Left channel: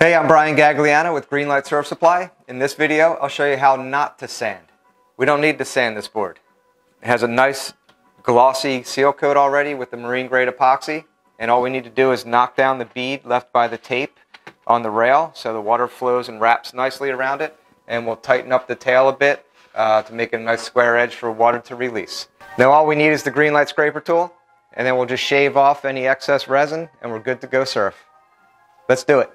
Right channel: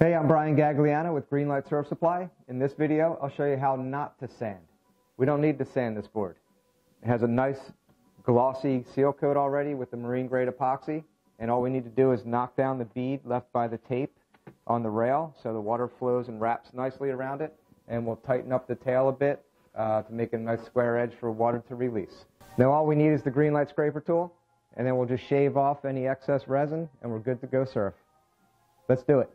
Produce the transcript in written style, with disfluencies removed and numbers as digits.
Hey, I'm Brian Gagliano with Greenlight Surf Supply. In this video, I'll show you how not to sand. We don't need to sand this board. It has a nice glossy seal coat already with the marine grade epoxy, and all we need to do is knock down the bead left by the tape on the rail so the water flows and wraps nicely around it, and we'll tighten up the tail a bit to make a nice square edge for water to release. Now all we need is the Greenlight scraper tool, and then we'll just shave off any excess resin and we're good to go surf. Let's do it.